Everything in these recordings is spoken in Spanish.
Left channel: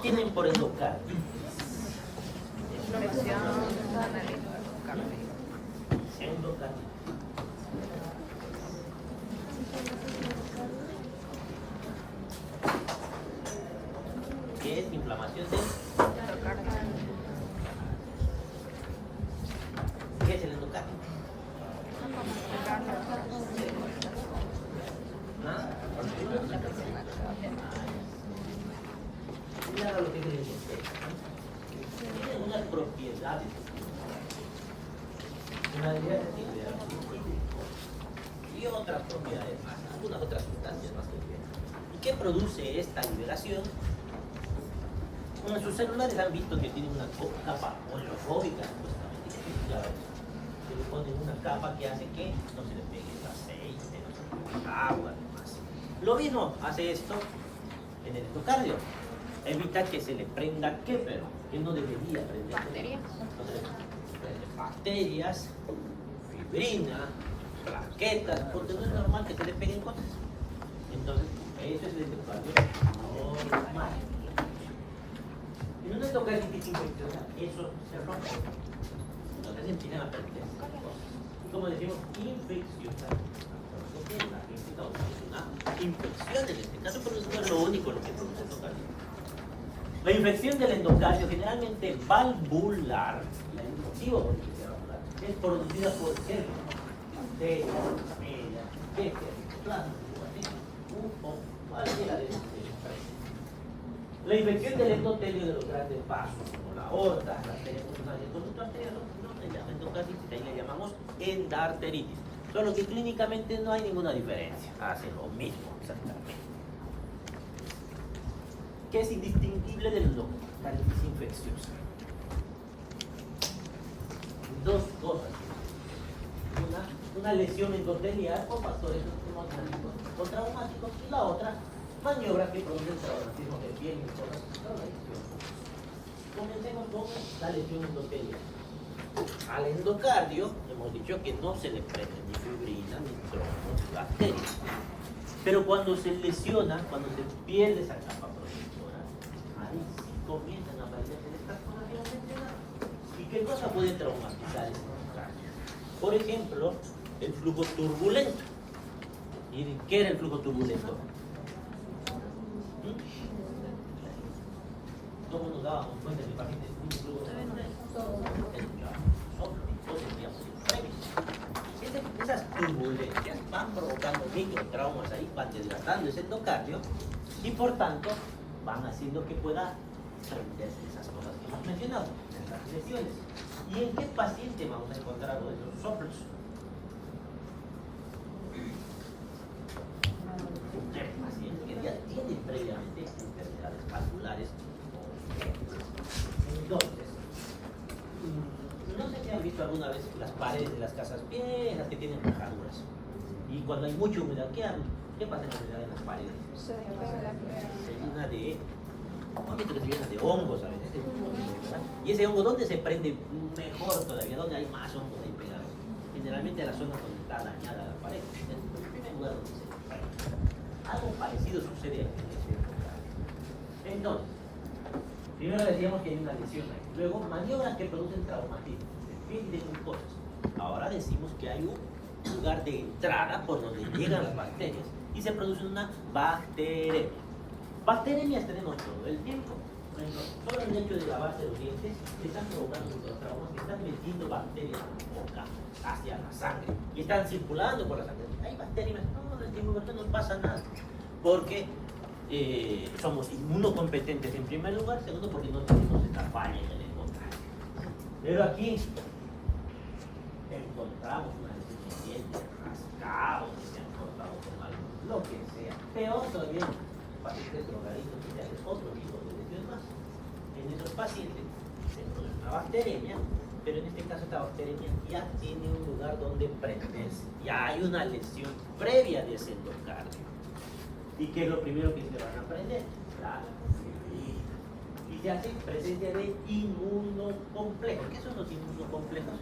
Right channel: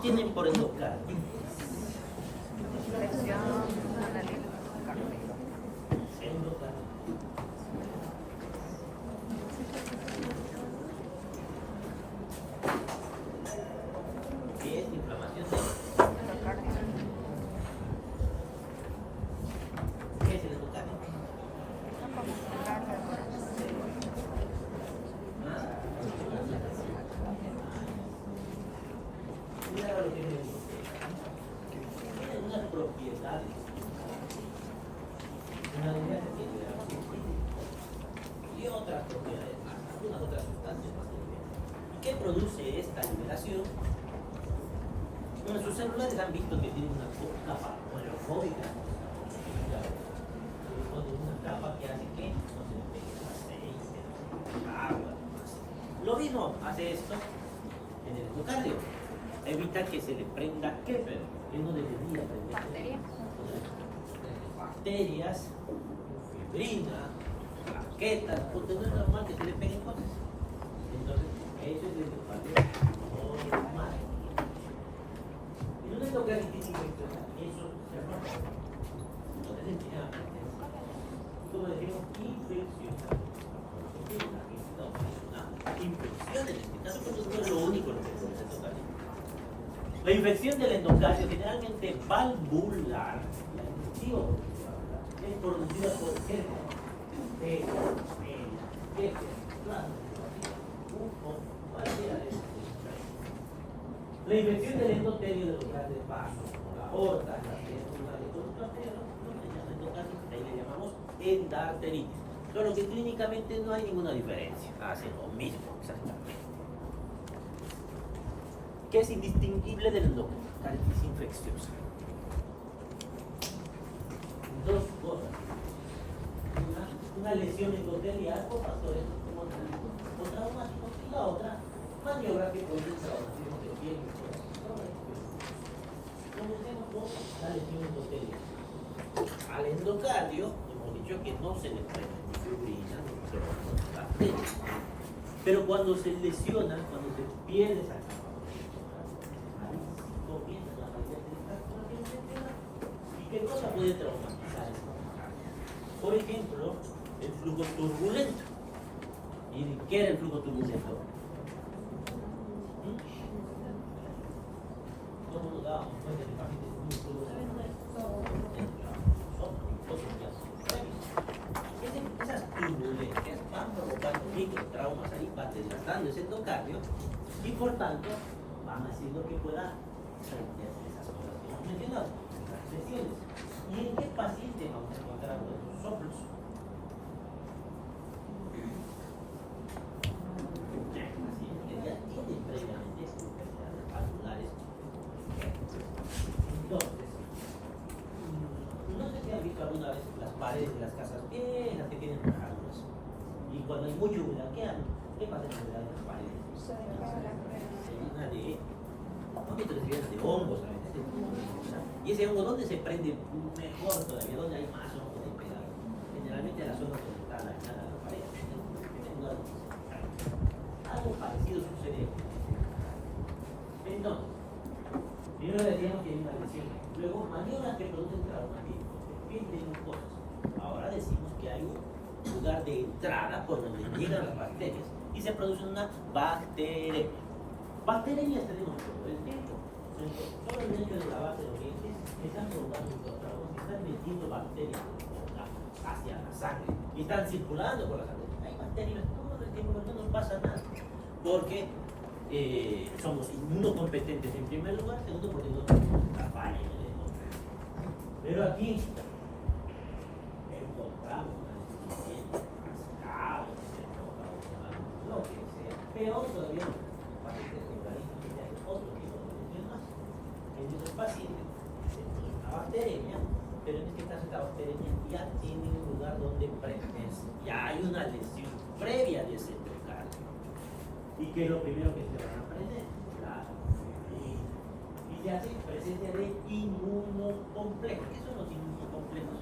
tienen por endocardio? Endocardio. ¿Qué es inflamación del? ¿Qué es el endocardio? ¿Ah? Mira lo que es el endocardio. Tiene unas propiedades. Una y otras propiedades más, algunas otras sustancias más complejas. ¿Y qué produce esta liberación? Bueno, sus celulares han visto que tienen una capa oleofóbica, se le ponen una capa que hace que no se le pegue el aceite, el agua, demás. Lo mismo hace esto en el endocardio, evita que se le prenda ¿qué? Pero que no debería prender bacterias, fibrina, plaquetas, porque no es normal que se le peguen cosas. Entonces, eso es el endocardio normal. En un endocarditis infecciosa, eso se rompe. Entonces empiezan a perder cosas. Como decimos, infecciosa. Porque es una infección en este caso, pero no es lo único lo que produce endocardio. La infección del endocardio, generalmente valvular, la inductiva valvular, es producida por células de media, de plasma, cualquiera de estos. La infección del endotelio de los grandes vasos, como la aorta, la arteria coronal, el conducto arterial, no se llama endocarditis, ahí le llamamos endarteritis. Solo que clínicamente no hay ninguna diferencia, hacen lo mismo exactamente. ¿Qué es indistinguible del endocarditis infecciosa? Dos cosas. Una lesión endotelial por factores o traumáticos y la otra, maniobras que producen traumatismo de piel y cosas. Comencemos con la lesión endotelial. Al endocardio hemos dicho que no se le prende ni fibrina, ni tromos, ni bacterias. Pero cuando se lesiona, cuando se pierde esa capa protectora, ahí sí comienzan a aparecer estas cosas que hemos mencionado. ¿Y qué cosa puede traumatizar el endocardio? Por ejemplo, el flujo turbulento. ¿Y qué era el flujo turbulento? ¿Cómo nos dábamos cuenta que también es un flujo turbulento? Esas turbulencias van provocando microtraumas ahí, van desgastando ese endocardio y por tanto van haciendo que pueda revertirse esas cosas que hemos mencionado, las lesiones. ¿Y en qué paciente vamos a encontrar todos esos soplos? ¿Qué paciente que ya tiene previamente enfermedades vasculares? Entonces, no sé si han visto alguna vez las paredes de las casas viejas que tienen rajaduras. Y cuando hay mucha humedad, ¿qué pasa en la humedad de las paredes? Se llena de, ¿no? Que se llena de hongos a veces. Y ese hongo, ¿dónde se prende mejor todavía? ¿Dónde hay más hongos ahí pegados? Generalmente en la zona donde está dañada la pared. En el lugar donde se prende. Algo parecido sucede en el endocardio. Entonces, primero decíamos que hay una lesión. Luego, maniobras que producen traumatismo. Depende de cosas. Ahora decimos que hay un lugar de entrada por donde llegan las bacterias y se produce una bacteremia. Bacteremias tenemos todo el tiempo. Solo el hecho de lavarse los dientes están provocando microtraumas, están metiendo bacterias hacia la sangre y están circulando por la sangre. Hay bacterias, todo el tiempo, no nos pasa nada. Porque somos inmunocompetentes en primer lugar, segundo porque no tenemos esta falla en el endocardio. Pero aquí encontramos una deficiencia, rascado, encontramos lo que sea. Peor todavía, pacientes drogadictos, que ya es otro tipo de lesión más. En esos pacientes se produce una bacteremia, pero en este caso esta bacteremia ya tiene un lugar donde prenderse. Ya hay una lesión previa de ese endocardio. ¿Y qué es lo primero que se van a aprender? La fibrina. Y se hace presencia de inmunocomplejos. ¿Qué son los inmunocomplejos?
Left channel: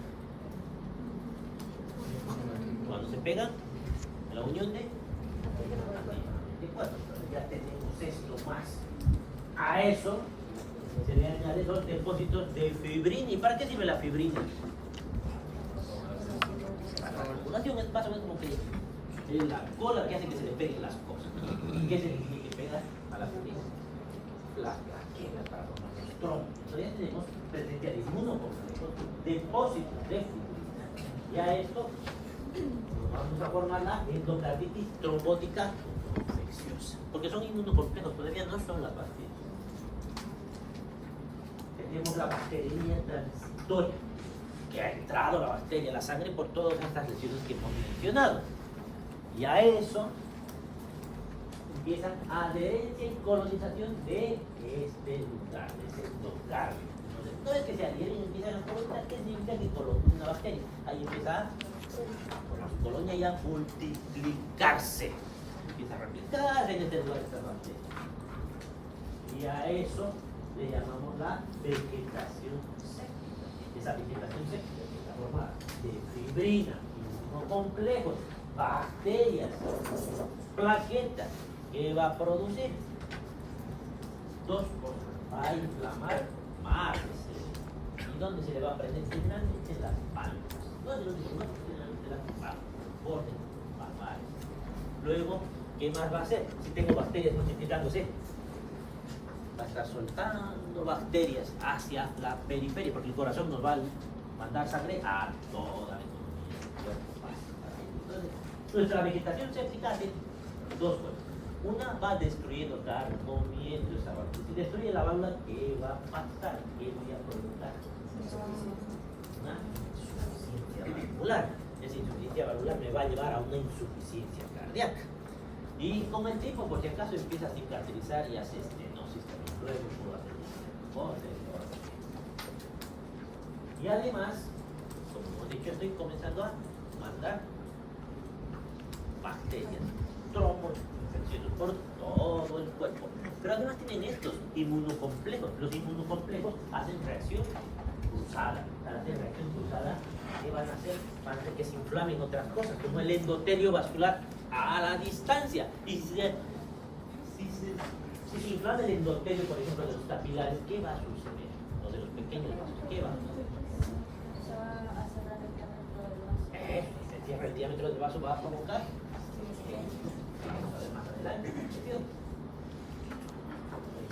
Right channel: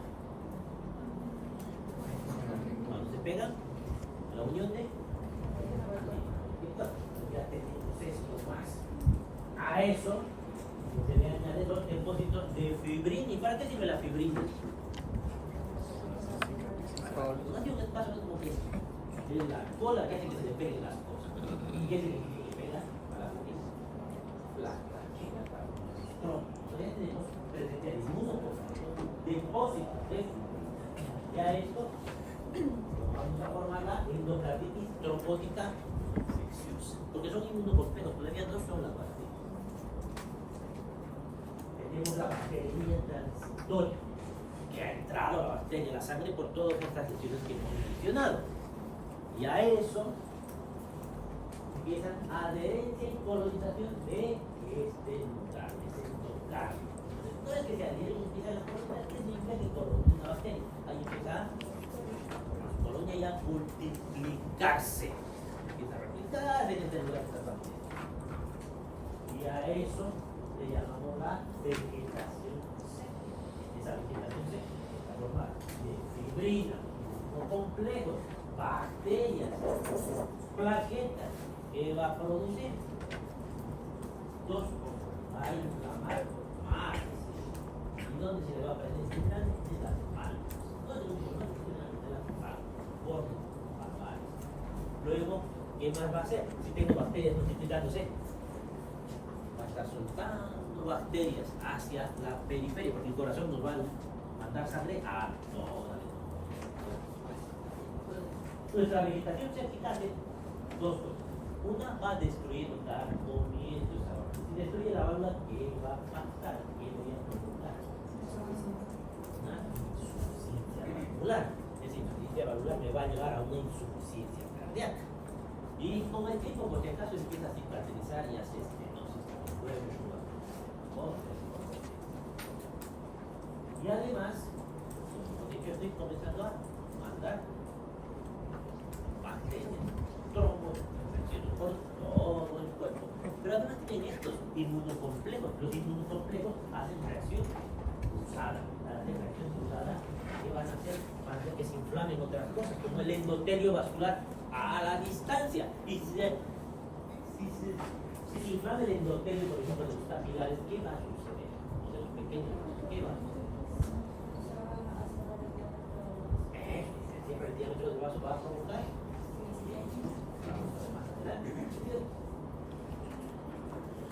Cuando se pegan, la unión de anticuerpos. Ya tenemos esto más. A eso los depósitos de fibrina. ¿Y para qué sirve la fibrina? Para la coagulación, es más o menos como que es la cola que hace que se le peguen las cosas. ¿Qué se le tiene que pegar a la fibrina? Las plaquetas para los trombos. Todavía tenemos presente al inmunocomplejos, depósitos de fibrina. Y a esto vamos a formar la endocarditis trombótica infecciosa. Porque son inmunocomplejos, todavía no son las bacterias. Tenemos la bacteriemia transitoria, que ha entrado la bacteria a la sangre por todas estas lesiones que hemos mencionado. Y a eso empiezan adherencia y colonización de este lugar, de ese endocardio. Entonces, no es que se adhieren y empiezan a colonizar, que significa que coloniza una bacteria. Ahí empieza la colonia ya a multiplicarse. Empieza a replicarse en este lugar esta bacteria. Y a eso le llamamos la vegetación séptica. Esa vegetación séptica está formada de fibrina, complejos, bacterias, plaquetas, que va a producir dos cosas. Va a inflamar más. ¿Y dónde se le va a presentar? En las palmas. ¿Dónde se le va a presentar? En las palmas. Bordes mamarios. Luego, ¿qué más va a hacer? Si tengo bacterias multiplicándose, va a estar soltando bacterias hacia la periferia, porque el corazón nos va a mandar sangre a toda la economía. Nuestra vegetación séptica hace dos cosas. Una, va destruyendo, comiendo esta parte. Si destruye la válvula, ¿qué va a pasar? ¿Qué voy a provocar? Una insuficiencia valvular. Esa insuficiencia valvular me va a llevar a una insuficiencia cardíaca. Y con el tiempo, por si acaso, empieza a cicatrizar y hace estenosis. Y además, como hemos dicho, estoy comenzando a mandar bacterias, trombos, infecciones por todo el cuerpo. Pero además tienen estos inmunocomplejos. Los inmunocomplejos hacen reacción cruzada. Al hacer reacción cruzada, ¿qué van a hacer? Van a hacer que se inflamen otras cosas, como el endotelio vascular a la distancia. Y si se inflama el endotelio, por ejemplo, de los capilares, ¿qué va a suceder? O de los pequeños vasos, ¿qué va a suceder? Se cierra el diámetro del vaso, va a provocar más adelante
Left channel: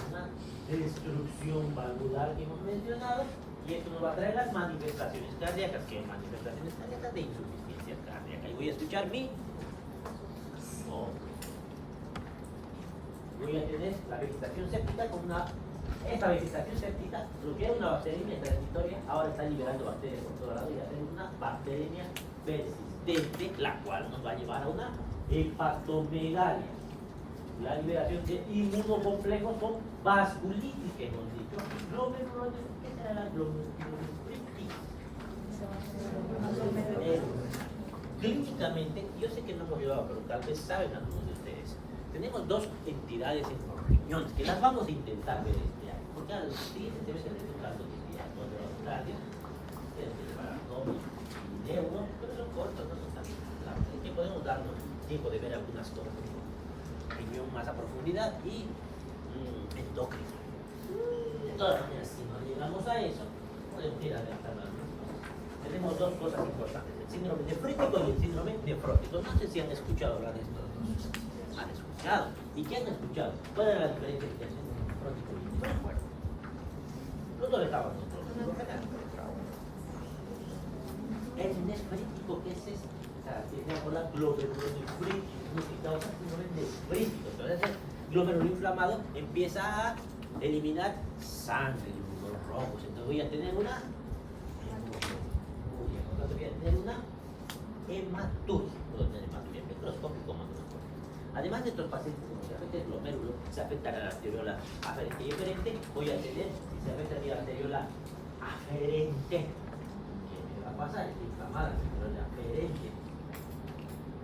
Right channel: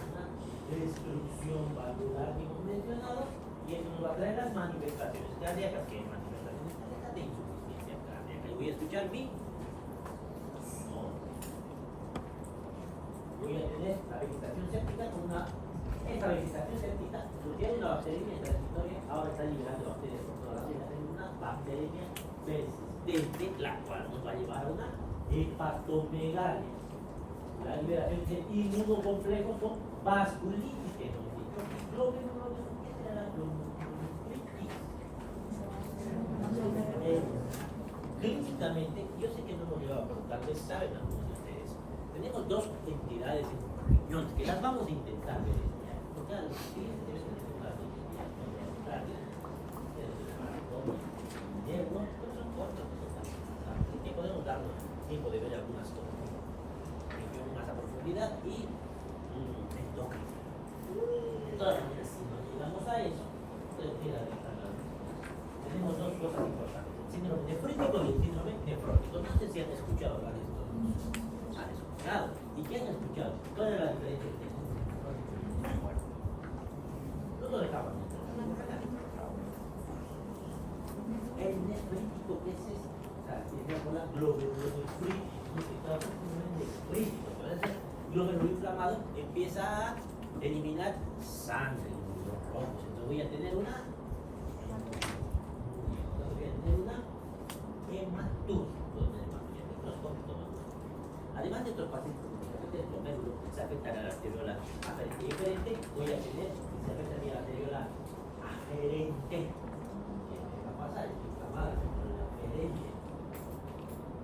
una destrucción valvular que hemos mencionado, y esto nos va a traer las manifestaciones cardíacas. ¿Qué manifestaciones cardíacas? De insuficiencia cardíaca. Y voy a escuchar mi voy a tener la vegetación séptica con esa vegetación séptica surgió una bacteriemia transitoria, ahora está liberando bacterias por toda la vida, tengo una bacteriemia persistente, la cual nos va a llevar a una hepatomegalia. La liberación de inmunocomplejos con vasculitis, que hemos dicho. ¿Qué será la glomerulitis? Clínicamente, yo sé que no hemos llevado, pero tal vez saben algunos de ustedes. Tenemos dos entidades en riñones que las vamos a intentar ver este año. Porque a los clientes debe ser una noticia donde los radios, pero son cortos. Así que podemos darnos tiempo de ver algunas cosas. Riñón más a profundidad y endocrino. De todas maneras, si no llegamos a eso, podemos ir adelantando algunas cosas. Tenemos dos cosas importantes: el síndrome nefrítico y el síndrome nefrótico. No sé si han escuchado hablar de esto. Han escuchado. ¿Y qué han escuchado? ¿Cuál era la diferencia entre el síndrome nefrótico y el nefrótico? No lo dejamos nosotros. El nefrítico, ¿qué es eso? Tiene la glomerulonefritis, significado nefrítico. Entonces, el glómerulo inflamado empieza a eliminar sangre, los rojos. Entonces voy a tener una hematuria. Puedo tener hematuria microscópica. Además de estos pacientes, como se afecta el glomérulo, se afecta la arteriola aferente y eferente, voy a tener, si se afecta mi arteriola aferente, ¿qué me va a pasar? Es inflamada la arteriola aferente.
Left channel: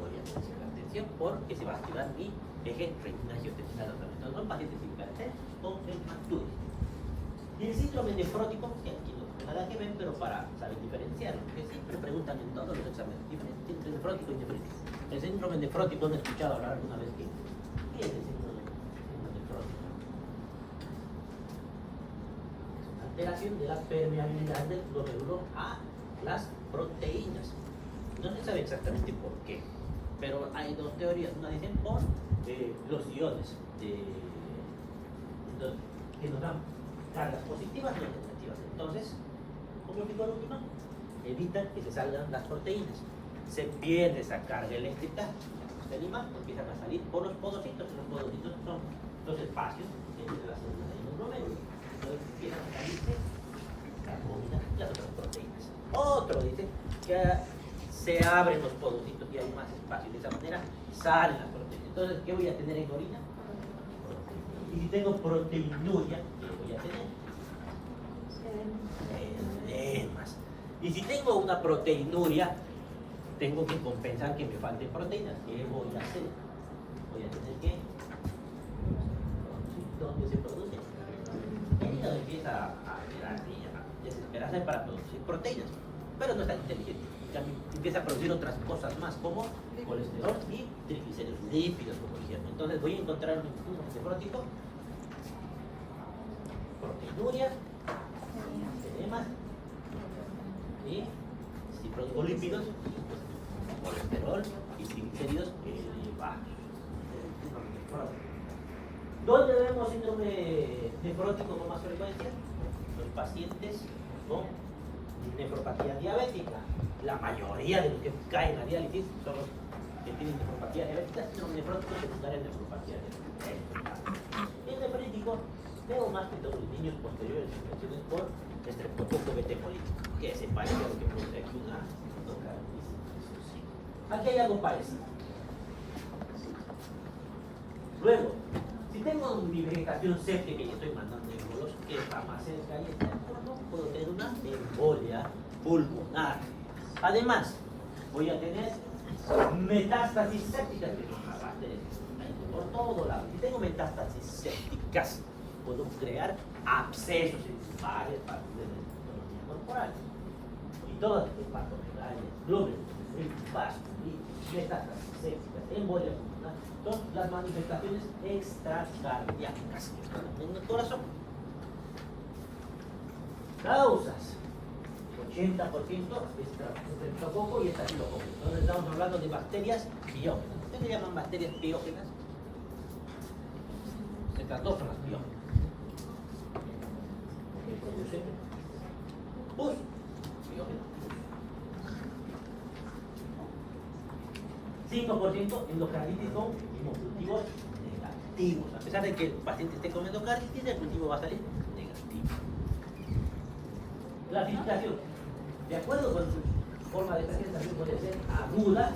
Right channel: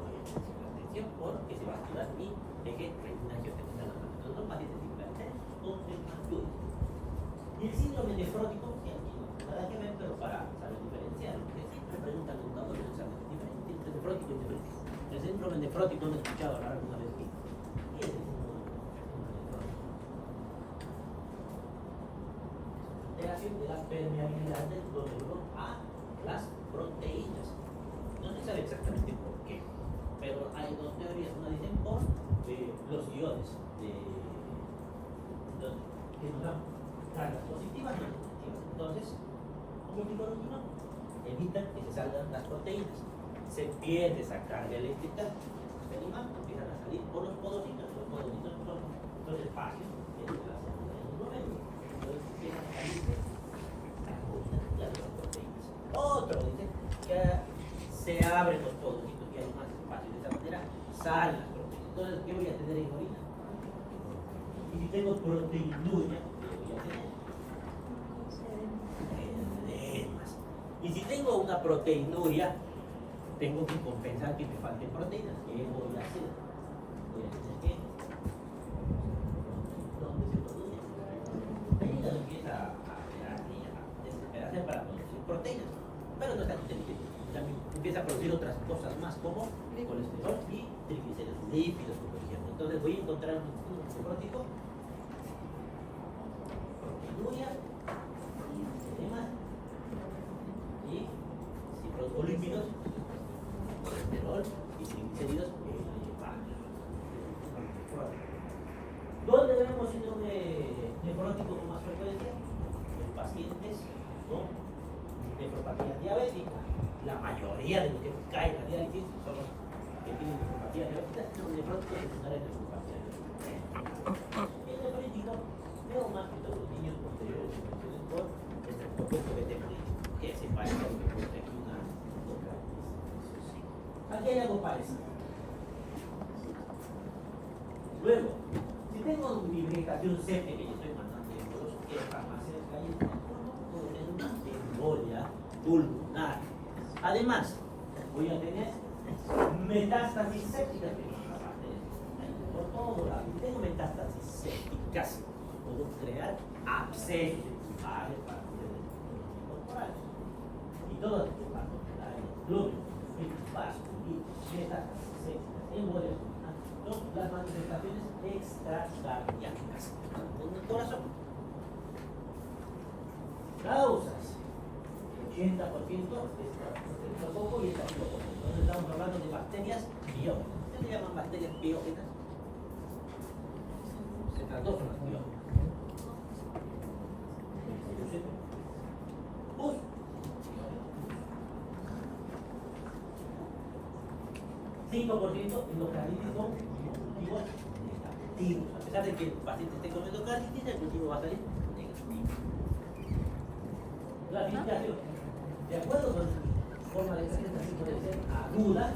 Voy a tener hipertensión porque se va a activar mi eje renina-angiotensina que está dando. Entonces son pacientes hipertensos con hematuria. Y el síndrome nefrótico, que aquí no tiene nada que ver, pero para saber diferenciar, porque siempre preguntan en todos los exámenes, diferencia entre nefrótico y nefritis. El síndrome nefrótico, ¿han escuchado hablar alguna vez de qué es el síndrome nefrótico? alteración de la permeabilidad del cloruro a las proteínas. No se sabe exactamente por qué, pero hay dos teorías. Una dicen por los iones que nos dan cargas positivas y negativas. Entonces, ¿cómo digo lo mismo? Evitan que se salgan las proteínas. Se pierde esa carga eléctrica, se anima, empiezan a salir por los podocitos. Los podocitos son los espacios entre las células y el promedio. Entonces empiezan a salirse las otras proteínas. Otro dice que se abren los podocitos y hay más espacio. De esa manera salen las proteínas. Entonces, ¿qué voy a tener en orina? Y si tengo proteinuria, ¿qué voy a tener? Edemas. Y si tengo una proteinuria, tengo que compensar que me falten proteínas. ¿Qué voy a hacer? Voy a tener que... ¿Dónde se produce? El hígado empieza a desesperarse para producir proteínas, pero no es tan inteligente. También empieza a producir otras cosas más como colesterol y triglicéridos, lípidos, como decían. Entonces voy a encontrar un antifrótico, proteinuria, edemas, y si produzco lípidos, colesterol y triglicéridos elevados. ¿Dónde vemos síndrome nefrótico con más frecuencia? En pacientes con nefropatía diabética. La mayoría de los que caen a diálisis son los que tienen nefropatía diabética, son nefróticos secundarios de nefropatía diabética. En nefrítico veo más que todos los niños posteriores a infecciones por estreptococo beta hemolítico, que se parece a lo que produce aquí una endocarditis. Aquí hay algo parecido. Luego, si tengo mi vegetación séptica y estoy mandando embolos, ¿qué va a hacer? No puedo tener una embolia pulmonar. Además, voy a tener metástasis sépticas por todo lado. Si tengo metástasis sépticas, puedo crear abscesos en varias partes del corporal. Y todas las partes glóbulos, vasculitis, metástasis sépticas, embolia pulmonar, son las manifestaciones extracardíacas en el corazón. Causas. 80% es estreptococo y estafilococo. Entonces estamos hablando de bacterias biógenas. ¿Qué se llaman bacterias biógenas? Estas dos son las biógenas. ¿Qué producen? Pus. Biógenas. 5% endocarditis con cultivos negativos. A pesar de que el paciente esté con endocarditis, el cultivo va a salir negativo. Clasificación. De acuerdo con su forma de crecer, también puede ser aguda,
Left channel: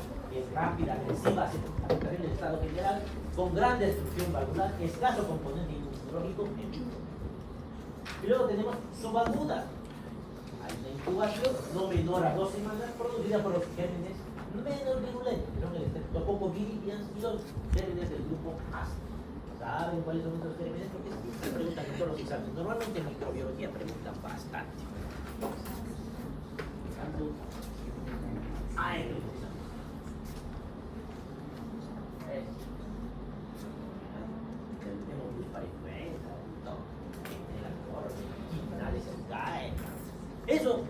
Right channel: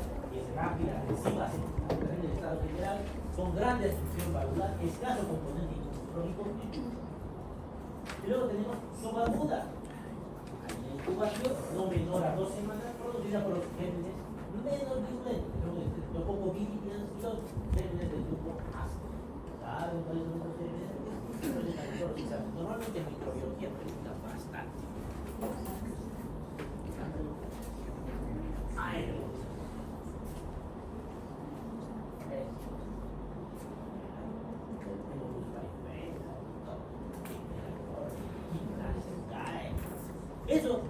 rápida, agresiva, afectación del estado general, con gran destrucción valvular, escaso componente inmunológico. Y luego tenemos subaguda. Hay una incubación no menor a 2 semanas producida por los gérmenes menos virulentos, que son el estreptococo viridans y los gérmenes del grupo ácido. ¿Saben cuáles son estos gérmenes? Porque se preguntan en todos los exámenes. Normalmente en microbiología preguntan bastante. Eso,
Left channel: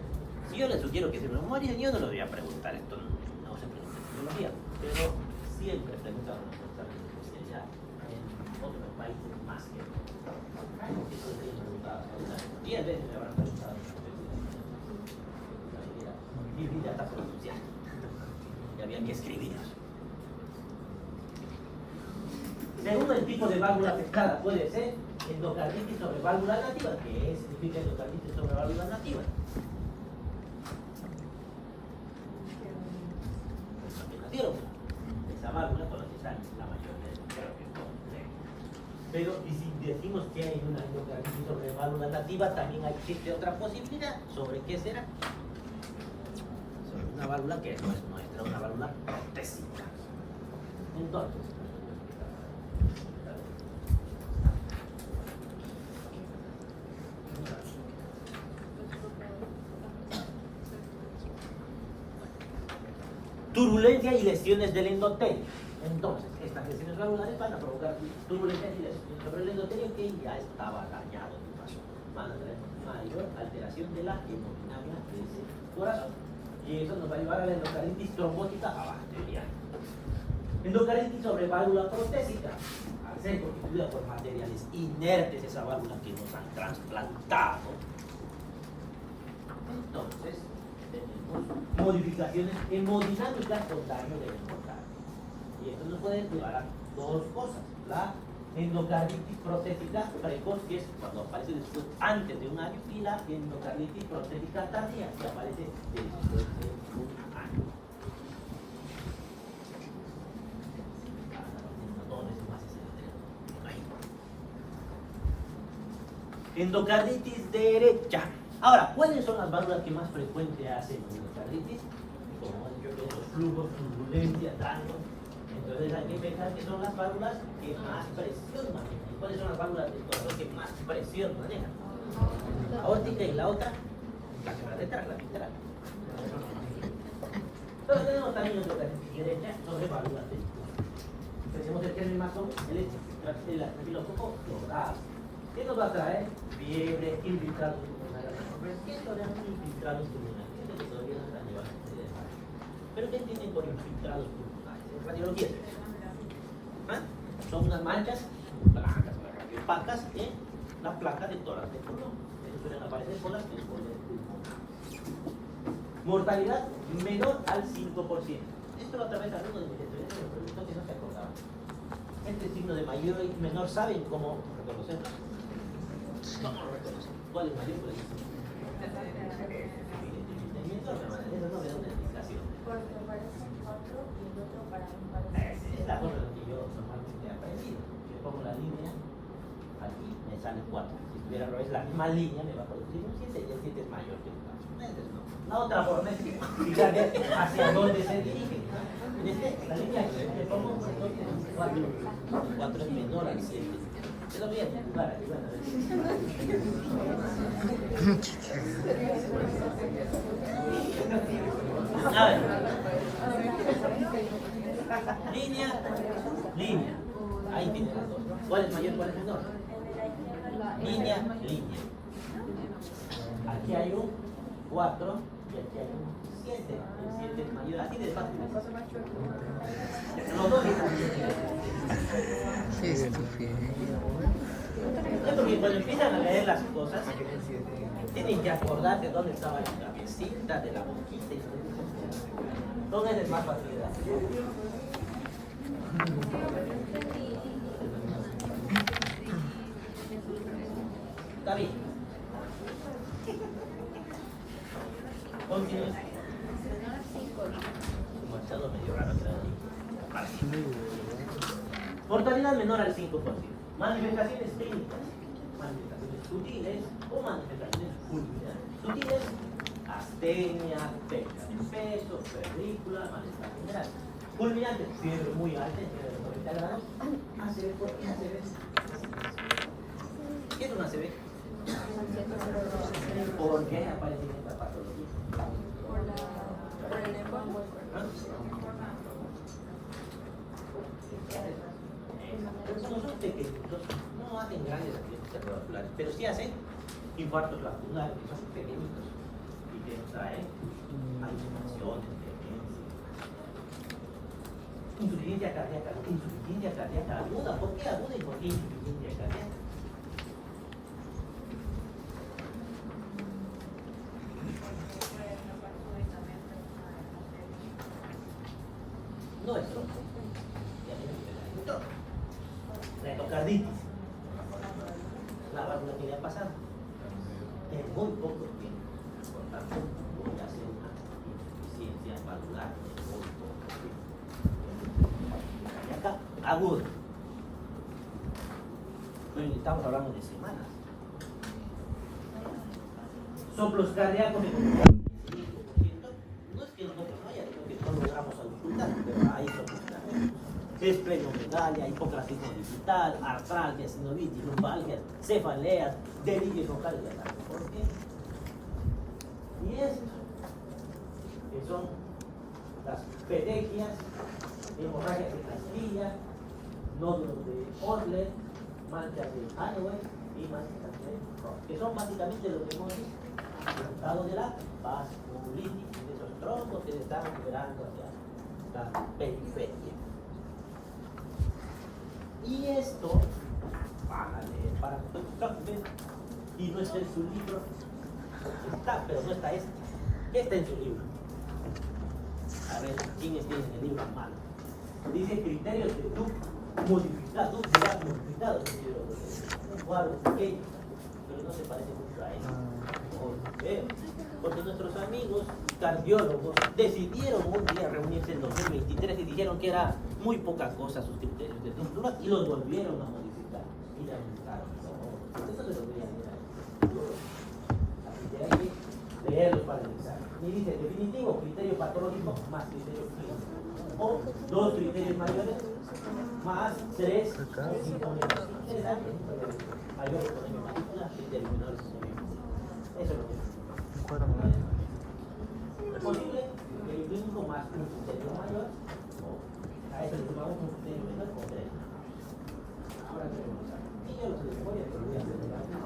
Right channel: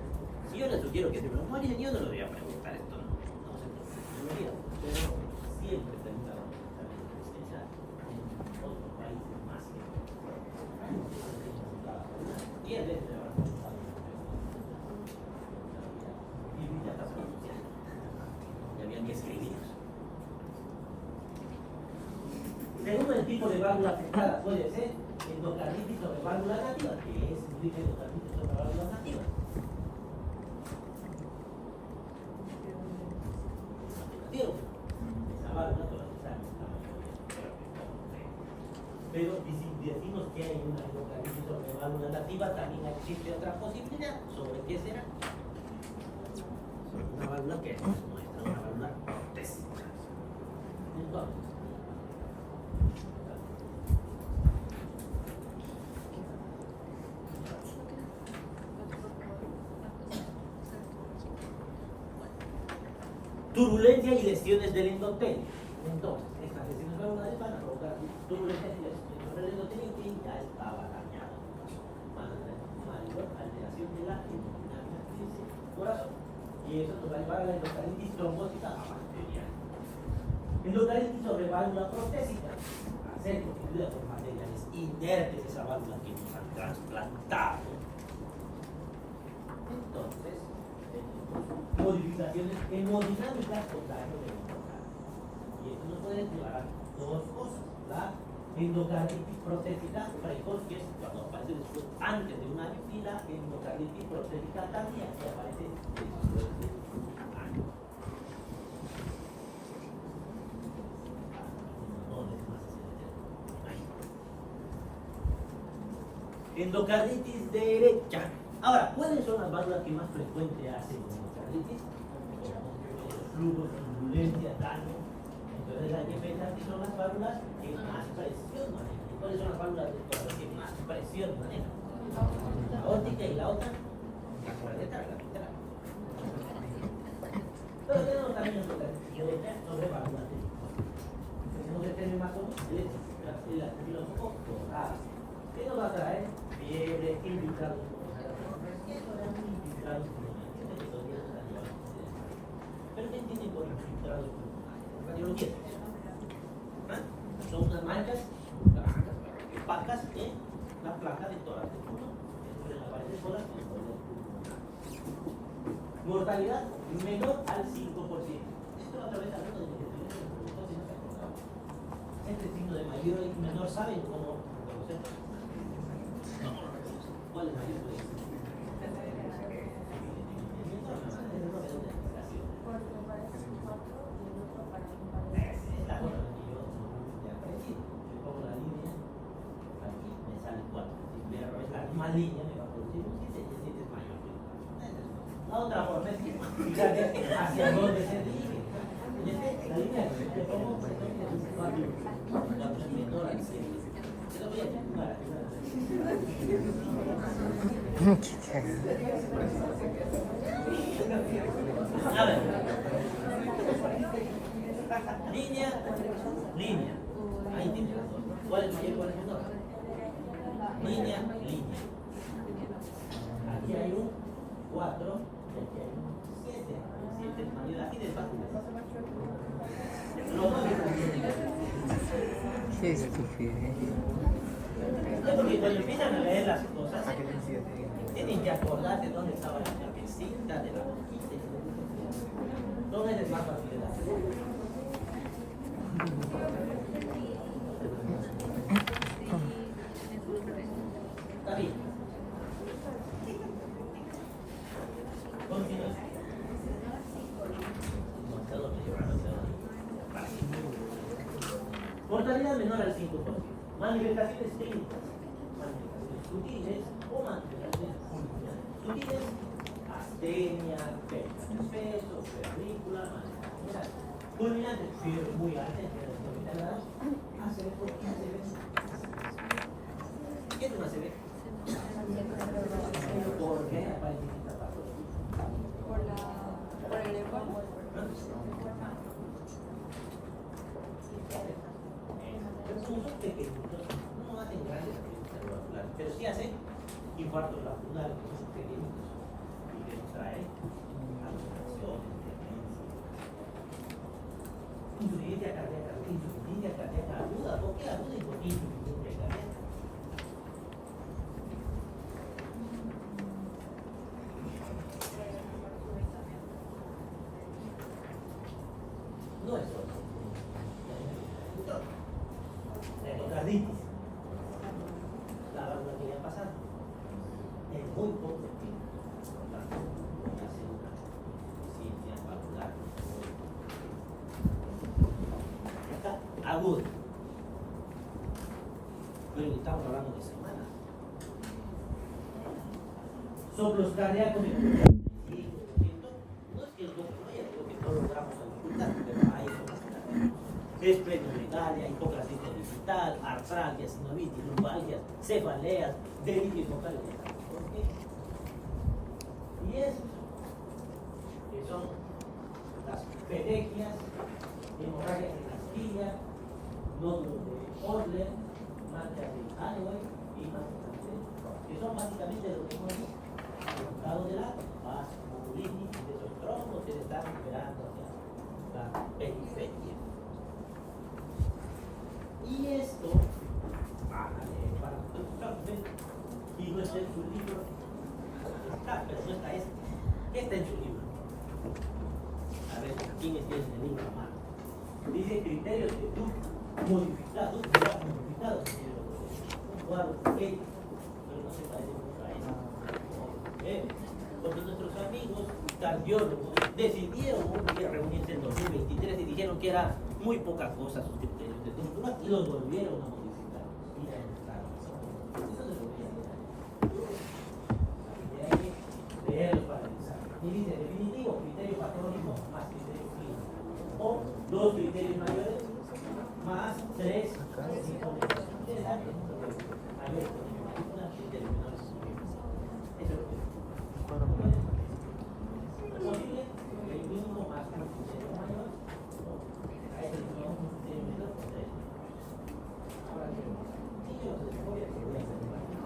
si yo les sugiero que se me mueren, yo no lo voy a preguntar esto, no sé qué, pero siempre preguntaron en otros países más que 10 veces me habrán preguntado. Y ya está pronunciado. Ya había que escribirlos. Según el tipo de válvula afectada, puede ser endocarditis sobre válvula nativa. ¿Qué significa endocarditis sobre válvula nativa? Esa válvula con la que están la mayoría. Pero y si decimos que hay una endocarditis sobre válvula nativa, también existe otra posibilidad. ¿Sobre qué será? Sobre una válvula que no es nuestra, una válvula protésica. Entonces, turbulencia y lesiones del endotelio. Entonces, estas lesiones valvulares van a provocar turbulencia y lesiones sobre el endotelio que ya estaba dañado. Van a tener mayor alteración de la hemodinamia de ese corazón. Y eso nos va a llevar a la endocardinitis trombótica bacteriana. Endocardinitis sobre válvula prostésica, al ser constituida por materiales inertes, esa válvula que nos han trasplantado. Entonces, tenemos modificaciones hemodinámicas con daño del endocardio. Y esto nos puede llevar a dos cosas. La endocarditis prostética precoz, que es cuando aparece después, antes de un año, y la endocarditis prostética tardía, que aparece después de un año. Endocarditis derecha. Ahora, ¿cuáles son las válvulas que más frecuente hacen endocarditis? Los flujos, turbulencia, daño. Entonces hay que pensar que son las válvulas que más presión manejan. ¿Cuáles son las válvulas del corazón que más presión manejan? La aórtica y la otra, la lateral. Entonces tenemos también endocarditis derecha, no de válvulas de. Tenemos el género más común, derecha, el filósofo dorado. ¿Qué nos va a traer? Fiebre, infiltrado. ¿Qué son infiltrados pulmonares? ¿Pero qué entienden por infiltrados pulmonares? Radiología. ¿Ah? Son unas manchas blancas, opacas en la placa de tórax del pulmón. Suelen aparecer solas en el pulmón. Mortalidad menor al 5%. Esto otra vez algunos de mis estudiantes me preguntan si no se acordaban. Este signo de mayor y menor, ¿saben cómo reconocerlo? No, no lo reconocen. ¿Cuál es mayor? Pues, es la cosa que yo normalmente he aprendido. Yo pongo la línea aquí, me sale 4. Si tuviera es la misma línea, me va a producir un 7 y el 7 es mayor que el 4. La otra forma es fijarme hacia dónde se dirige. En este, la línea que le pongo, 4 es menor al 7. Quedó bien, para que bueno. A ver. Línea. Ahí tiene las dos. ¿Cuál es mayor y cuál es menor? Línea. Aquí hay un 4 y aquí hay un 7. El 7 es mayor. Así de fácil. Los dos están bien. Qué estúpido. Porque cuando empiezan a leer las cosas, tienen que acordarse dónde estaba la cabecita de la boquita. ¿Dónde es más fácil? Está bien. Continúe. Demasiado medio raro. Mortalidad menor al 5%. Manifestaciones clínicas. Manifestaciones sutiles o manifestaciones fulminantes. Sutiles, astenia, pérdida de peso, febrícula, manifestaciones. Fulminantes, fiebre muy alta, fiebre de 90 grados. ACV, ¿por qué ACV? ¿Qué es un ACV? ¿Por qué aparece en esta patología? Por el lenguaje. Son pequeñitos, no hacen grandes accidentes cerebrovasculares, pero sí hacen infartos vasculares, que son pequeñitos y que traen alucinaciones, insuficiencia cardíaca aguda. ¿Por qué aguda y por qué insuficiencia cardíaca? No es solo. La endocarditis. La válvula que le ha pasado. En muy poco tiempo. Por lo tanto, voy a hacer una insuficiencia valvular. Y acá, agudo. Hoy estamos hablando de semanas. Soplos cardíacos y no es que nosotros no, ya creo que todos vamos a dificultar, pero hay soplos cardíacos. Esplenomegalia, hipocratismo digital, artralgias, sinovitis, lumbalgias, cefaleas, delirios locales de ataque. ¿Por qué? Y estos, que son las petequias, hemorragias en la espilla, nódulos de Odler, manchas de Halloween, y más que son básicamente lo que hemos visto. Los estados del átomo, vasculitis, de esos trombos que están liberando hacia la periferia. Y esto, para y no está en su libro, está, pero no está este. ¿Qué está en su libro? A ver, ¿quién tiene el libro en mano? Dice criterios de Duke modificados, cuadros pequeños. Yo no sé, parece mucho a eso. Porque nuestros amigos cardiólogos decidieron un día reunirse en 2023 y dijeron que era muy poca cosa sus criterios de Duke y los volvieron a modificar. Mira, eso se lo voy a mirar. Así que hay que leerlos para analizar. Y dice, definitivo, criterio patológico más criterio clínico. O 2 criterios mayores más 3 sintomas. Mayores con mayúsculas y determinados sin mayúsculas. Eso es lo que es. Posible que el mínimo más un criterio mayor, o a ese le llamamos un criterio menor con 3. Ahora que sí, yo lo sé de memoria, pero voy a hacer de cambio.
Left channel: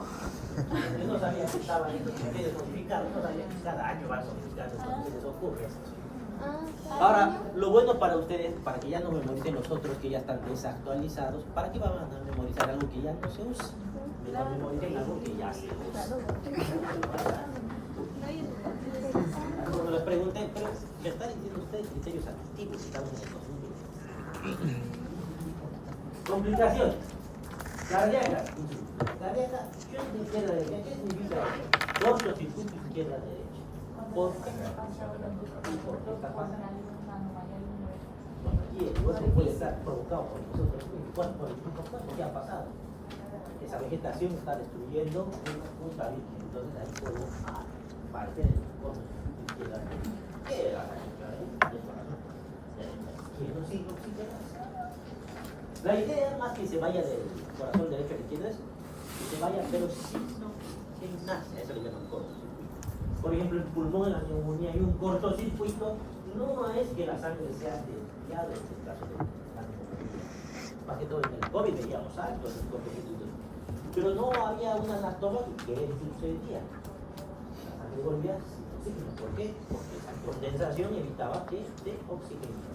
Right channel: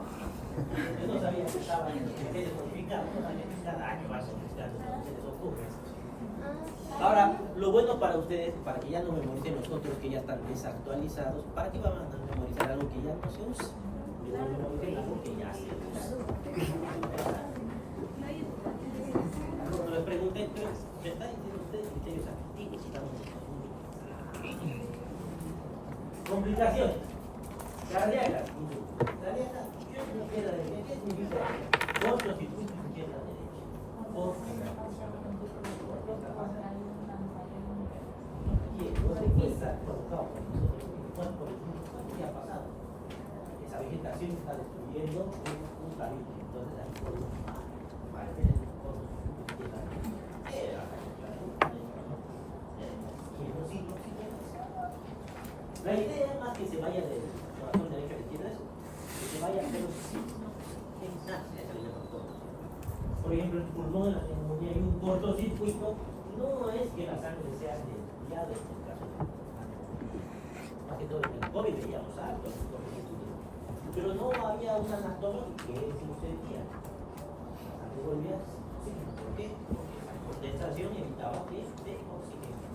Yo no sabía que estaba en el que de codificar, no sabía que cada año va sofisticando, se les ocurre esto. Ahora, lo bueno para ustedes, para que ya no memoricen los otros que ya están desactualizados, ¿para qué van a memorizar algo que ya no se usa? Que no memoricen algo que ya se usa. Cuando les pregunté, pero ¿se están diciendo ustedes criterios activos? Estamos en complicaciones. Cardíacas. Cardíacas, izquierda derecha. ¿Qué significa? Cortocircuito izquierda derecha. ¿Por qué? Porque está pasando. Y el puede estar provocado por el ¿qué ha pasado? Esa vegetación está destruyendo un cabello. Entonces hay fuego para que la idea más que se vaya del corazón derecho a la izquierda es que se vaya, pero sí enlace, eso le llaman cortocircuito. Por ejemplo, el pulmón en la neumonía hay un cortocircuito, no es que la sangre sea desviada en el caso de la neumonía. Más que todo en el COVID veíamos alto en el cortocircuito, pero no había una anatomía que sucedía. La sangre volvía oxígeno. ¿Por qué? Porque esa condensación evitaba que se oxigene.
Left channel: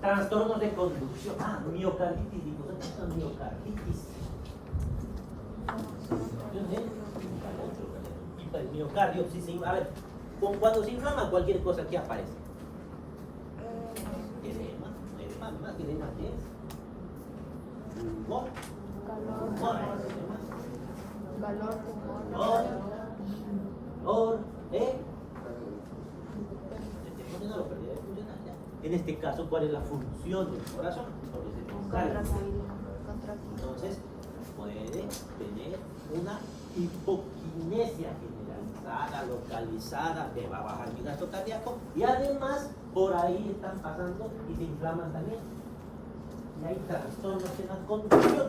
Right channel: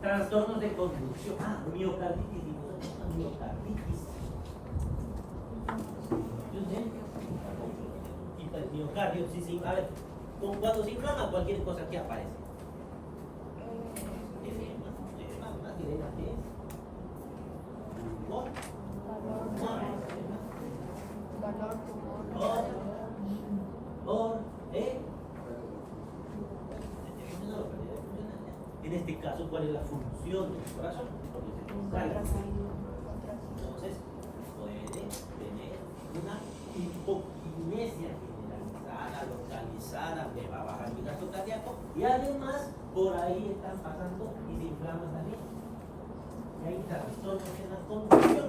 Trastornos de conducción. Miocarditis. ¿Digo qué es miocarditis? El miocardio, sí. A ver, cuando se inflama cualquier cosa, ¿qué aparece? Edema. Más que edema, ¿qué es? En este caso, ¿cuál es la función del corazón? Porque se contrae. Entonces, puede tener una hipoquinesia generalizada, localizada, le va a bajar mi gasto cardíaco y además por ahí están pasando y se inflaman también. Y hay trastornos que dan conducción.